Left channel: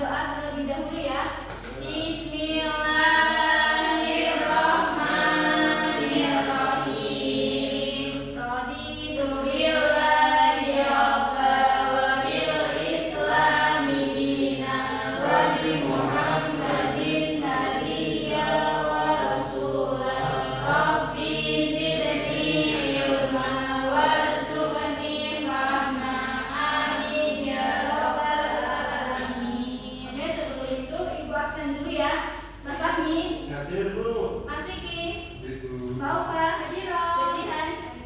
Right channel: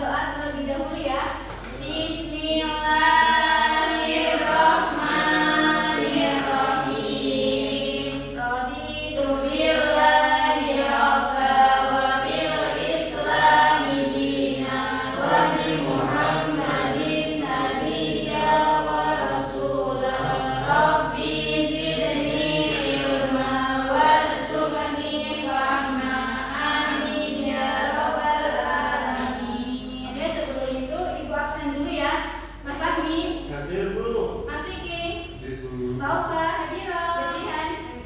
berdoa terlebih dahulu ya. Bismillahirrahmanirrahim. Raditu billahi rabba wa bil islami dina wa bi Muhammadin nabiyya wa rasula. Rabbi zidni ilma warzuqni fahma. Amin ya rabbal alamin. Ya, sebelum itu Ibu absen dulu ya. Mas Fahmi, Hadir, Bu. Mas Vicky, Hadir, Bu. Mbak Ufa, hadir. Jihan,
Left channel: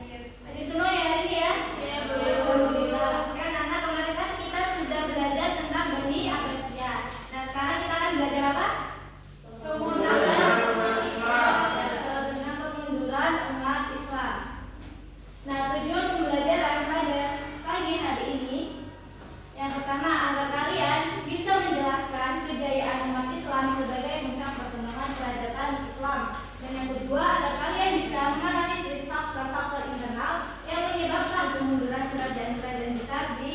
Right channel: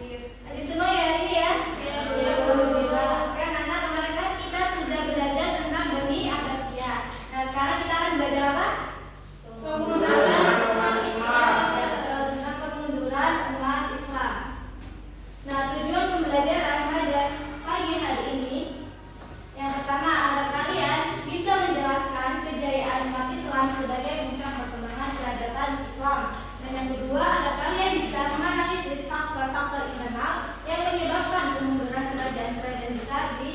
hadir semua ya hari ini ya. Ya, Bu. Alhamdulillah. Kan anak kemarin kan kita sudah belajar tentang Bani Abbasiyah. Nah sekarang kita akan belajar apa? Kemunduran umat Islam. Tentang kemunduran umat Islam. Nah tujuan pembelajaran pada pagi hari ini, yang pertama agar kalian bisa menjelaskan kejayaan umat Islam sebagai puncak perkembangan peradaban Islam. Dan yang kedua, agar kalian bisa menganalisis faktor-faktor internal yang menyebabkan kemunduran kerajaan-kerajaan besar di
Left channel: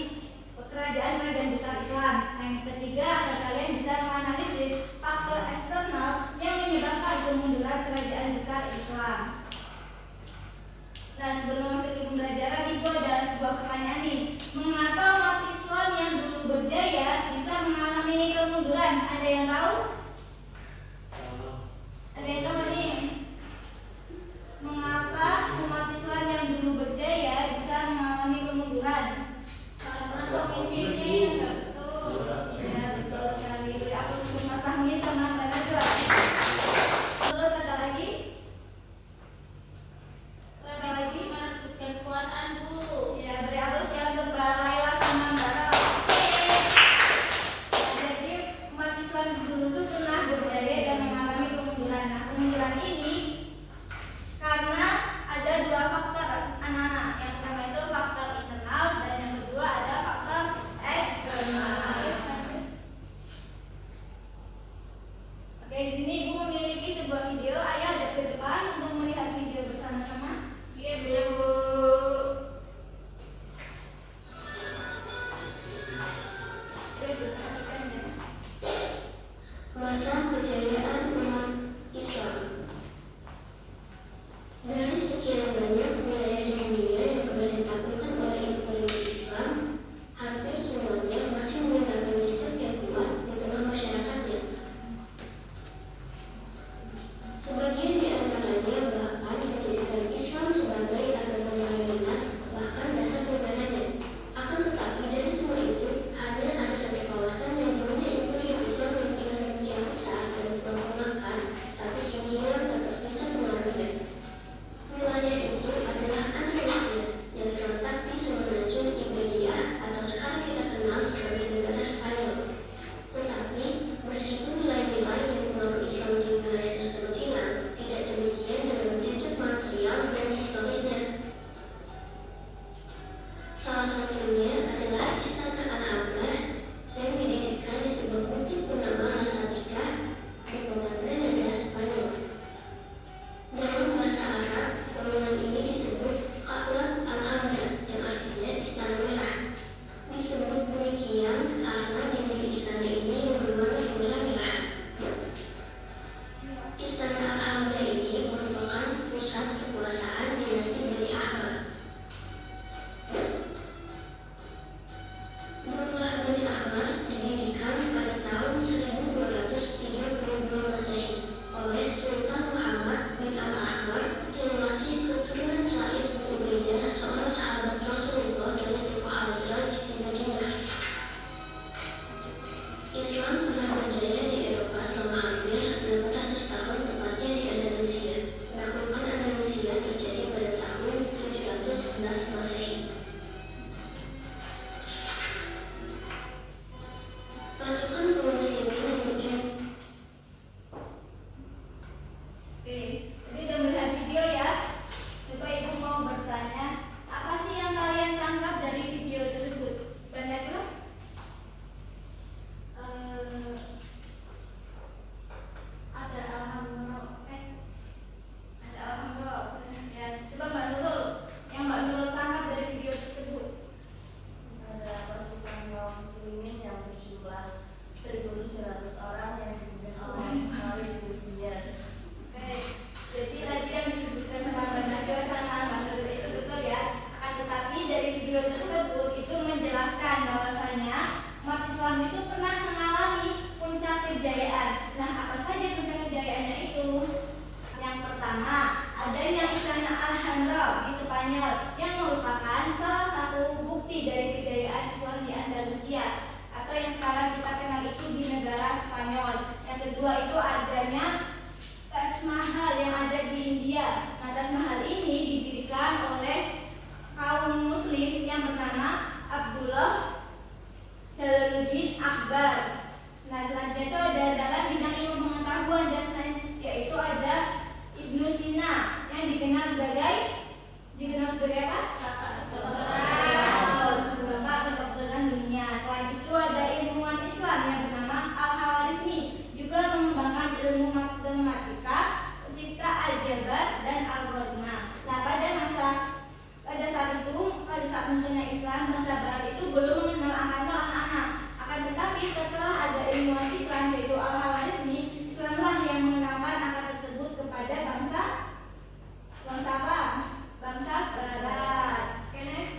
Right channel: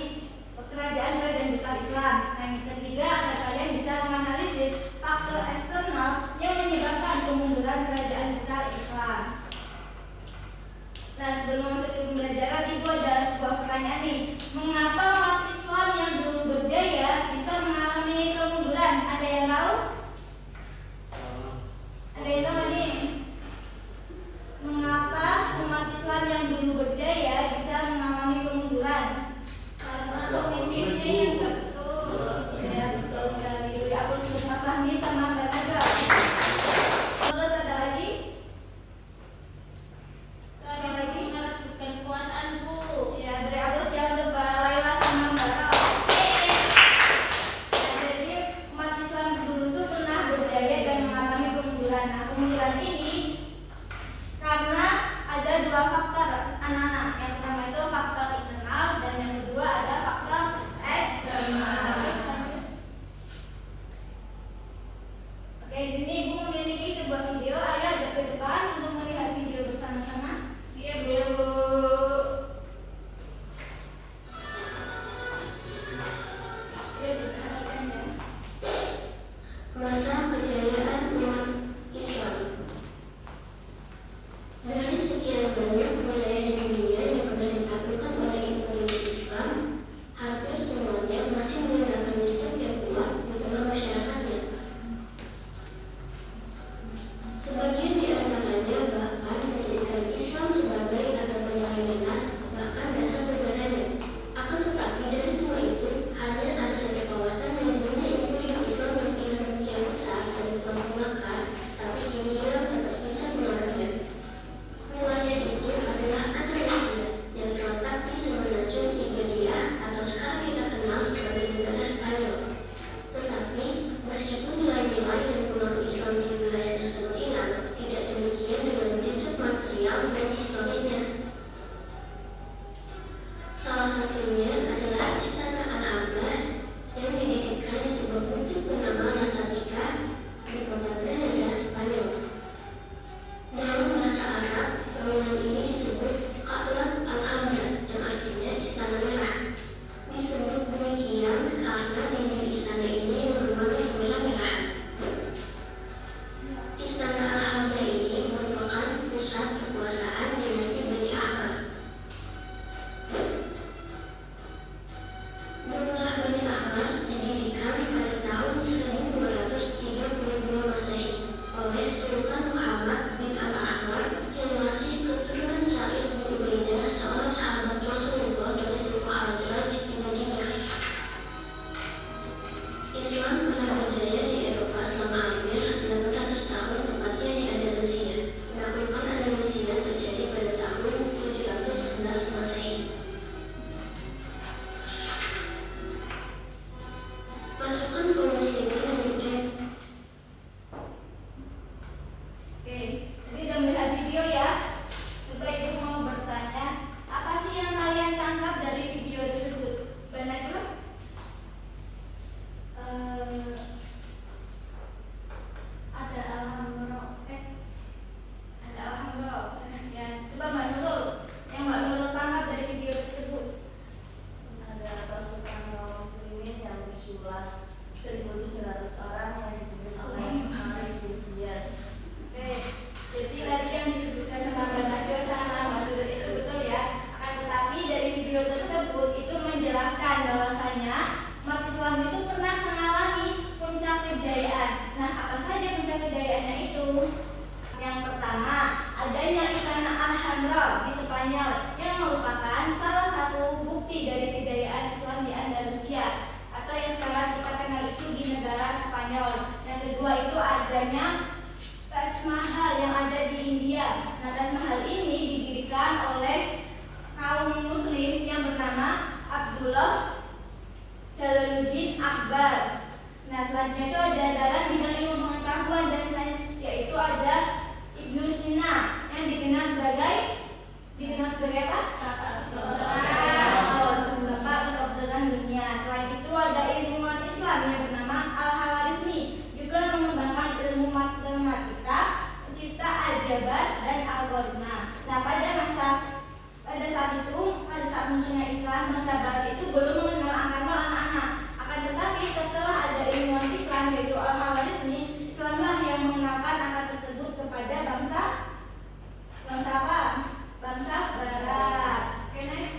kerajaan-kerajaan besar Islam. Dan yang ketiga, agar kalian bisa menganalisis faktor eksternal yang menyebabkan kemunduran kerajaan besar Islam. Nah, sebelum masuk ke pembelajaran, Ibu ada sebuah pertanyaan nih. Mengapa umat Islam yang dulu berjaya bisa mengalami kemunduran? Ada yang tahu? Ada yang tahu nih? Mengapa umat Islam yang dulu berjaya bisa mengalami kemunduran? Karena pemimpinnya yang nggak betul. Ya, betul sekali. Beri aplaus untuk Mas Fahmi sama Mbak Najwa. Terus ada lagi? Saya ingin merebutkan kekuasaan, Bu. Ya, beri aplaus ya untuk Mbak Laila Jamaluddin Akbar. Nah, selanjutnya itu ada dalam bidang ilmu pengetahuan dan sains, yaitu ada Ibnu Sina yang dikenal sebagai apa? Bapak kedokteran dunia. Selain itu ada ilmuwan Islam yang bernama Al-Khawarizmi, juga mengembangkan ilmu matematika, pencipta aljabar dan algoritma. Nah, pada saat munculnya Islam, bangsa Barat itu belum mengenal angka nol anak-anak. Akan tetapi setelah ada ilmuwan Islam yaitu Al-Khawarizmi, Islamlah yang mengenalkan angka tersebut kepada bangsa apa? Bangsa Barat. Oke, next.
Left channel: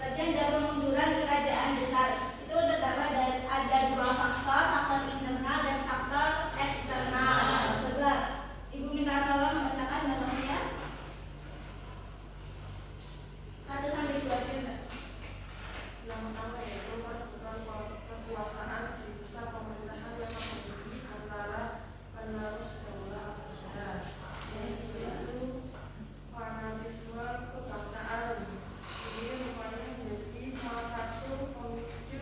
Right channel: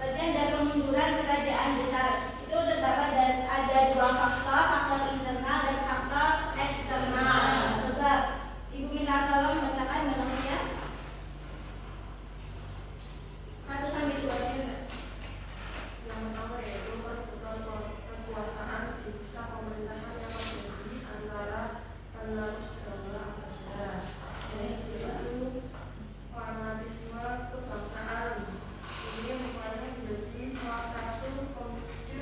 Bagian dari kemunduran kerajaan besar itu terdapat ada dua faktor internal dan faktor eksternal. Coba Ibu minta tolong membacakan manusia 1 sampai 2 juga. Yang pertama yaitu perebutan kekuasaan di pusat pemerintahan yang terjadi antara penerus daulah Abbasiyah, yaitu fanatisme kebangsaan. Ini rupanya menjadi salah satu pemicu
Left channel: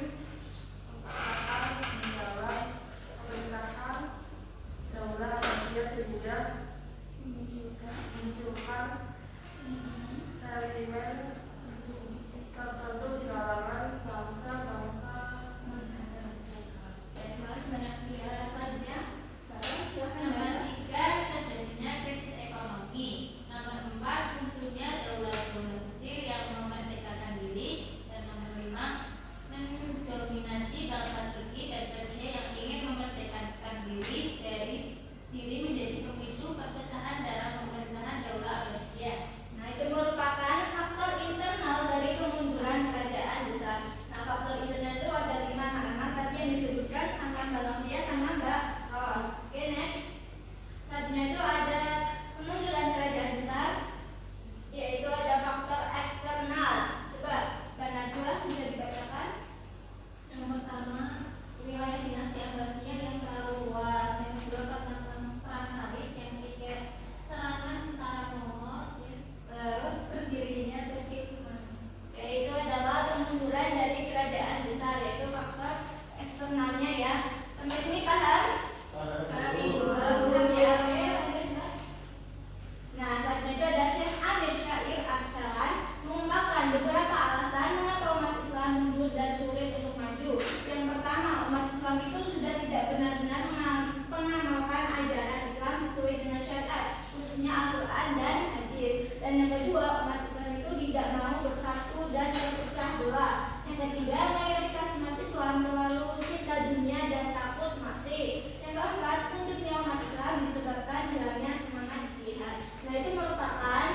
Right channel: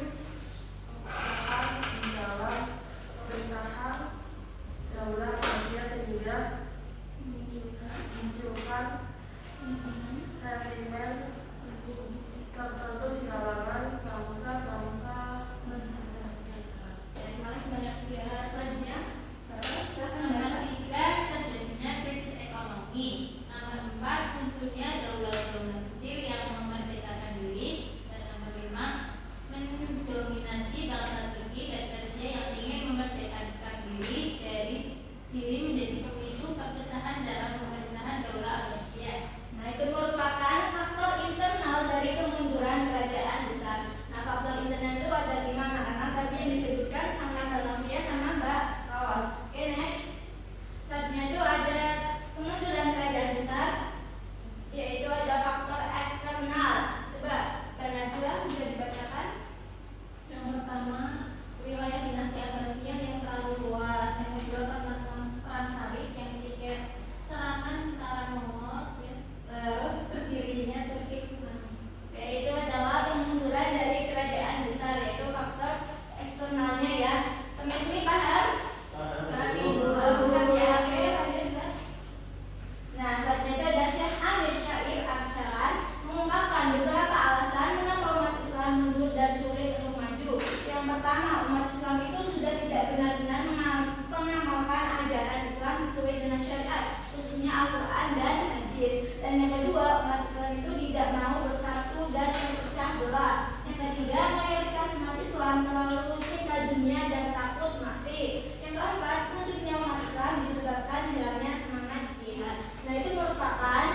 kekuasaan di dalam pemerintahan daulah Abbasiyah sehingga munculkan sentimen tertentu di kalangan bangsa-bangsa. Selanjutnya, Nomor 3, terjadinya krisis ekonomi. Nomor 4, munculnya daulah-daulah kecil yang memerdekakan diri. Dan nomor 5, mendominasi bangsa Turki dan Persia yang ingin memerdekakan diri menjadi pemicu perpecahan dalam pemerintahan daulah Abbasiyah. nah itu merupakan faktor internal dari kemunduran kerajaan besar. Nah, faktor internal itu ada 5 anak tadi yang disebutkan sama Mbak Novia sama Mbak Kawas. Oke, next. Selanjutnya itu ada kemunduran kerajaan besar, yaitu ada faktor eksternal. Coba Mbak Najwa bisa dibacakan. Yang pertama, wilayah dinasti Abbasiyah yang terlalu luas. Yang kedua, karena perang salib. Yang ketiga, serangan tentara Mongol. Terus berdirinya Turki Utsmani, yaitu adalah kemunduran dari kerajaan besar, yaitu faktor eksternalnya ya. Sampai sini paham? Ibu. Ya, oke, lanjut Mbak. Nah, selanjutnya ada Syekh Amir Syair Arsalan mengungkapkan beberapa alasan mengapa umat Islam mundur dan sulit untuk maju. Yang pertama, umat Islam itu sudah tidak benar-benar mengamalkan ajaran Islam sesuai dengan syariat, khususnya Al-Quran dan Hadis. Dan yang kedua, umat Islam itu tidak mau bersatu dan terpecah belah. Yang ketiga, mayoritas umat Islam terlalu cinta dunia dan takut mati. Yang keempat, mundurnya umat Islam disebabkan hilangnya semangat jihad. Nah, itu merupakan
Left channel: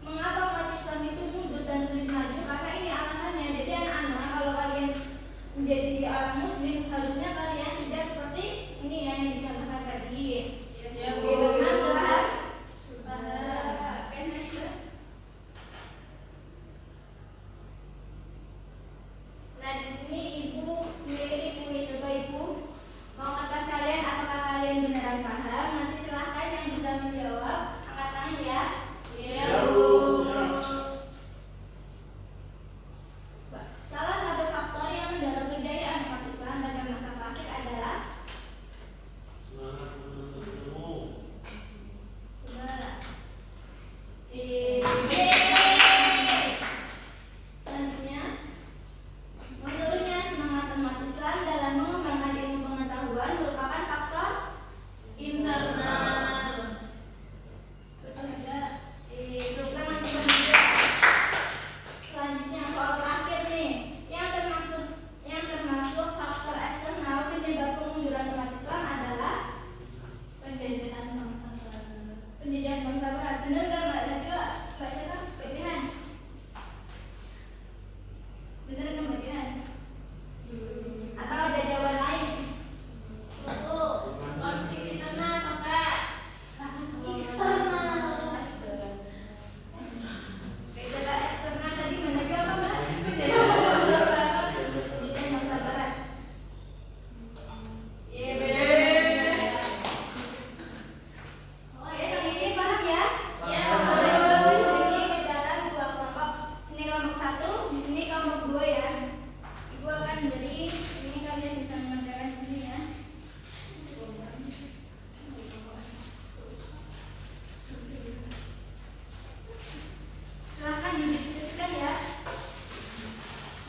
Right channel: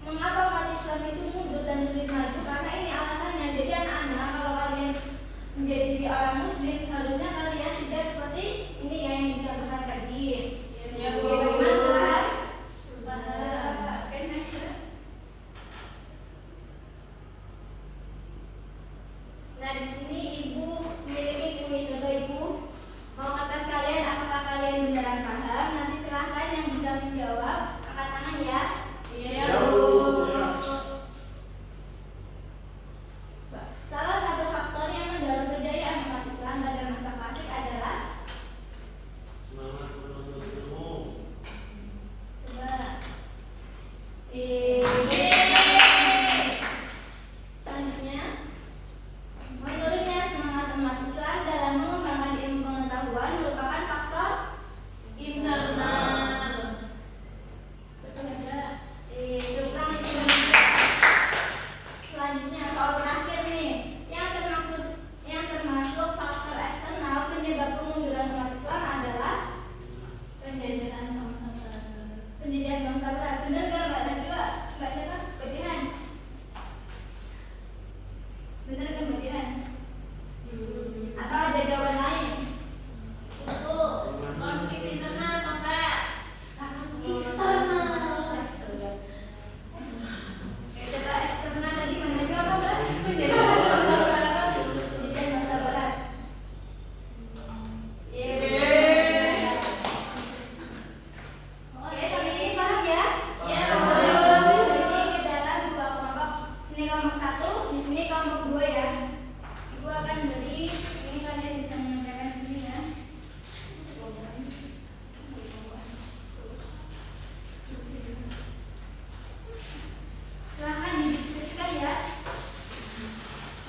mengapa umat Islam itu mundur dan sulit maju, karena ini alasannya. Jadi anak-anak, kalau kalian menjadi orang muslim, harusnya kalian tidak seperti ini ya yang dicontohkan tadi. Ya, Bu. Bagaimana sudah? Oke, next. Nah, di sini Ibu memiliki kuis untuk Ibu. Mau atas kalian, apakah kalian beneran paham? Nanti silahkan yang bisa menjawab angkat tangan ya. Iya, Bu. Salah satu faktor yang mendorong kejayaan umat Islam pada masa klasik adalah semangat menuntut ilmu. coba selanjutnya menurut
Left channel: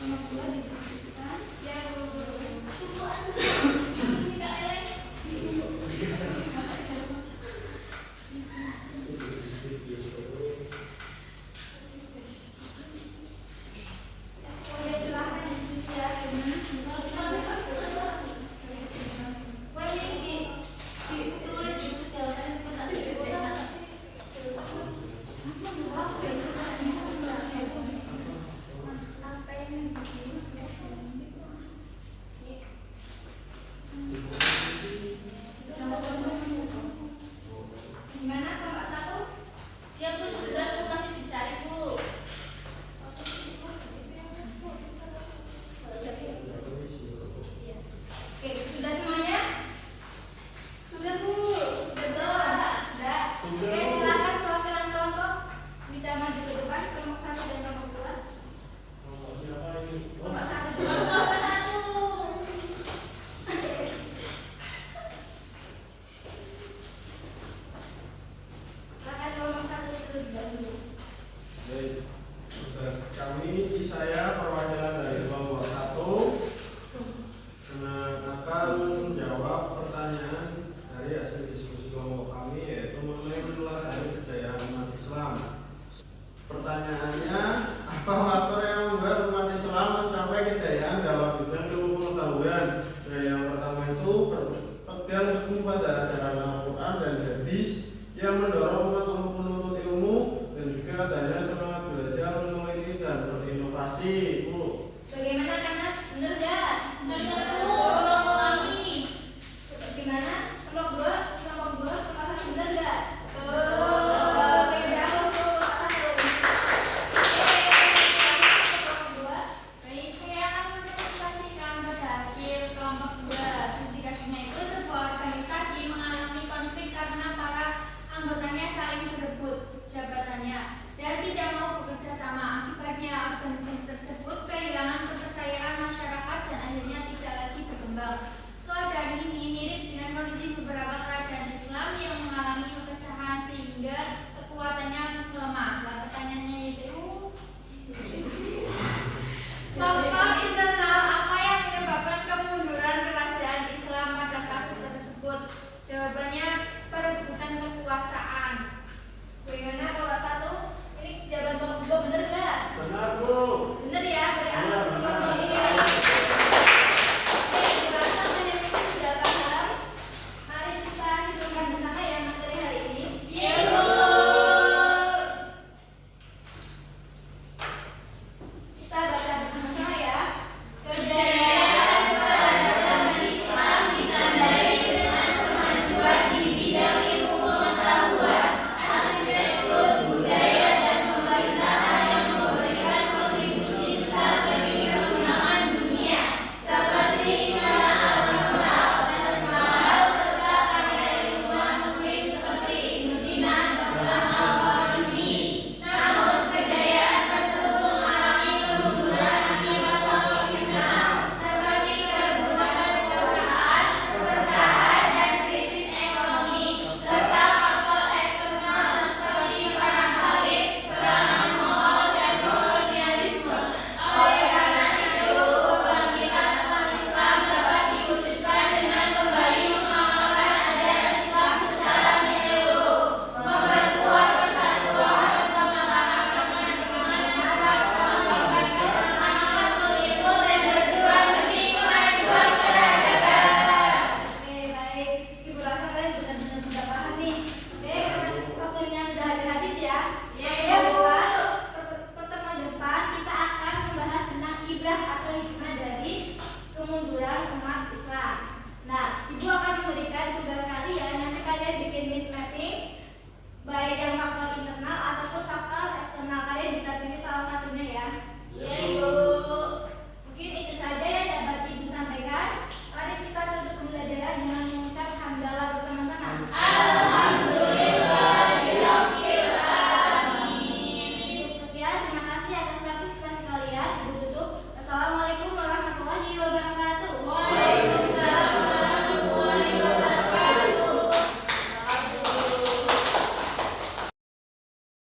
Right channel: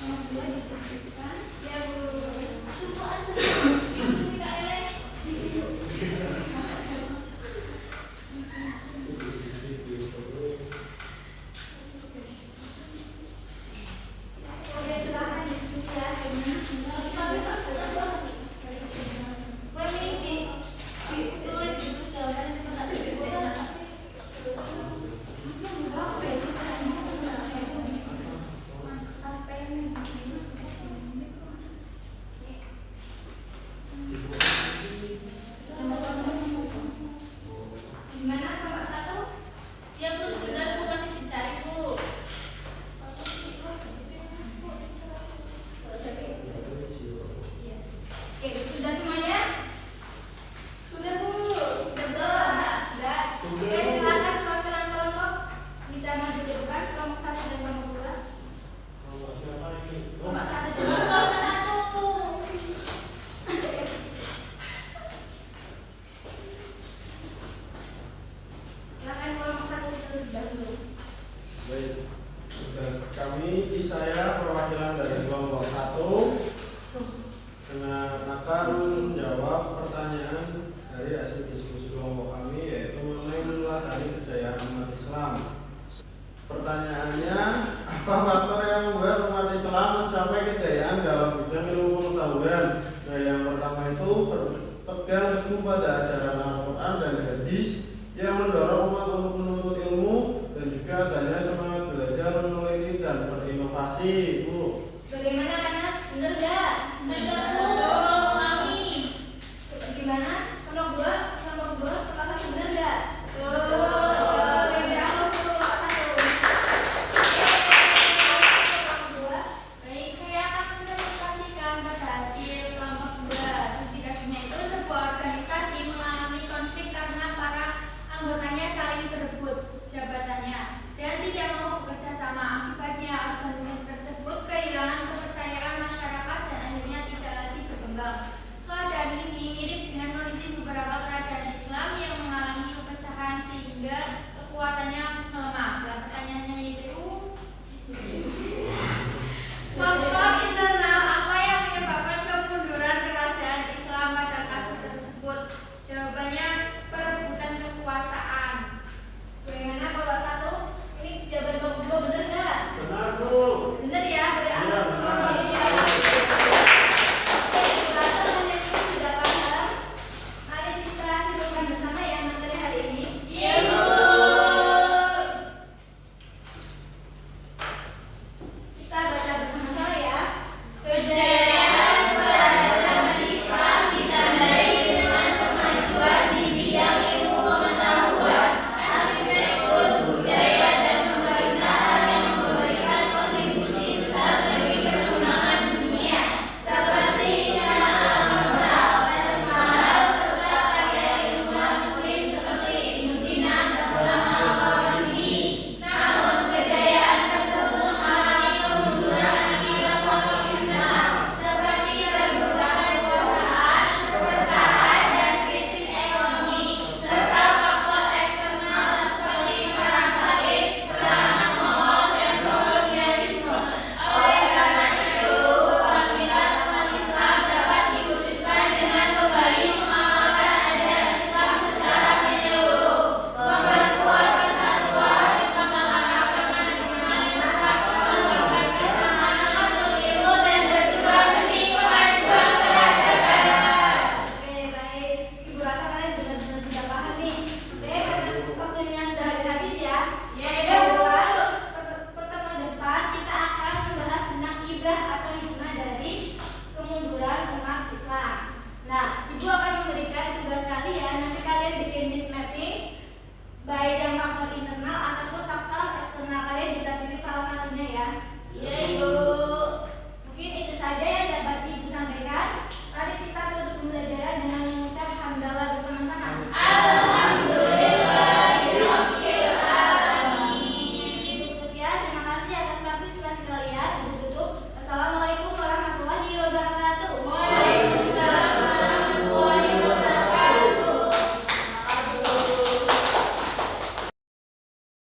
nomor 2 dibutuhkan. Ya Bu. Tunggu tidak elek. Oke, silakan diskusi ya. Tulis dulu jawabannya sebentar. Gimana nomor 1? Ya Bu, sebentar Bu, masih dicari Bu. Oke, sudah semuanya? Sudah Bu. Betul? Enggak? Oke, silakan perwakilan kelompok bisa maju ke depan, kelompok 1 dan kelompok 2. Kalau siapa ini? Kelompok 1 dulu. Kelompok 1. Silakan kelompok 1 terlebih dahulu. Baik, saya perwakilan dari kelompok 1 akan menjawab pertanyaan dari hasil diskusi kelompok kami, yaitu mengenai itulah dari kejayaan umat Islam. Pertanyaannya, apa faktor yang membuat umat Islam mencapai kejayaan dalam bidang ilmu pengetahuan? Nah, yang pertama itu berpegang teguh pada ajaran Al-Quran dan hadis yang mendorong umat untuk menuntut ilmu dan juga adanya semangat belajar, meneliti dan berinovasi. Bu, Bagaimana anak? Benar enggak? Benar Bu. Kelompok kami. Gimana? Kelompok 2? Kelompok 2? Kelompok 1 benar enggak? Betul. Oke, berapa untuk kelompok 1? Kelompok 2? Baik, saya akan mendemonstrasikan pada hasil kelompok 2. Sertifikasinya itu sebuah organisasi mengalami konflik karena para anggotanya saling berebut jabatannya dan tidak mau bekerja sama. Akibatnya organisasi tersebut kehilangan kepercayaan masyarakat dan akhirnya tidak lagi berkembang. Keadaan ini mirip dengan kondisi beberapa kerajaan Islam yang mengalami pepecahan sehingga kekuatannya melemah. Nah, pertanyaannya yaitu faktor internal apa yang menyebabkan kemunduran kerajaan Islam pada kasus tersebut? Jawabannya perebutan kekuasaan. Bagaimana kelompok 1? Ini jawaban kelompok 2 benar enggak? Benar Bu. Benar ya? Berarti Iya, atas benar. kelompok ini ya. Oke, ibu rasa kalian ini sudah paham. Mari kita simpulkan bersama ya materi hari ini. Iya Bu. Kita baca bersama-sama ya. Kejayaan peradaban Islam ditandai dengan kemajuan di bidang ilmu pengetahuan, arsitektur, budaya, dan pemerintahan yang memberikan kontribusi besar bagi perkembangan dunia, seperti Istana Al-Moral, Taj Mahal, serta karya ilmuwan muslim seperti Ibnu Sina dan Al-Khwarizmi. Namun, kejayaan tersebut mengalami kemunduran akibat faktor internal seperti kerebutan kekuasaan, perpecahan, dan krisis ekonomi, serta faktor eksternal seperti perang salib, serangan Mongol, dan kolonialisme. Oleh karena itu, kebangkitan umat Islam dapat diwujudkan dengan kembali mengamalkan ajaran Islam secara menyeluruh, memperkuat persatuan, mempertahankan kemanusiaan, mengembangkan keselamatan untuk ilmu, dan berjuang demi kemajuan peradaban. Oke, baik. Ibu rasa kalian benar-benar sudah paham nih. Oke, karena waktunya sudah habis ya. Ya, Oke, Ibu. buat pertemuan depan kita akan membahas tentang ibrah atau hikmah dari kemunduran umat Islam. Nah, Ibu akan memberikan tugas kalian. Nanti kalian bikin mind mapping, baik yang faktor internal ataupun faktor eksternal. Kalian bisa pilih salah satunya ya. Ya,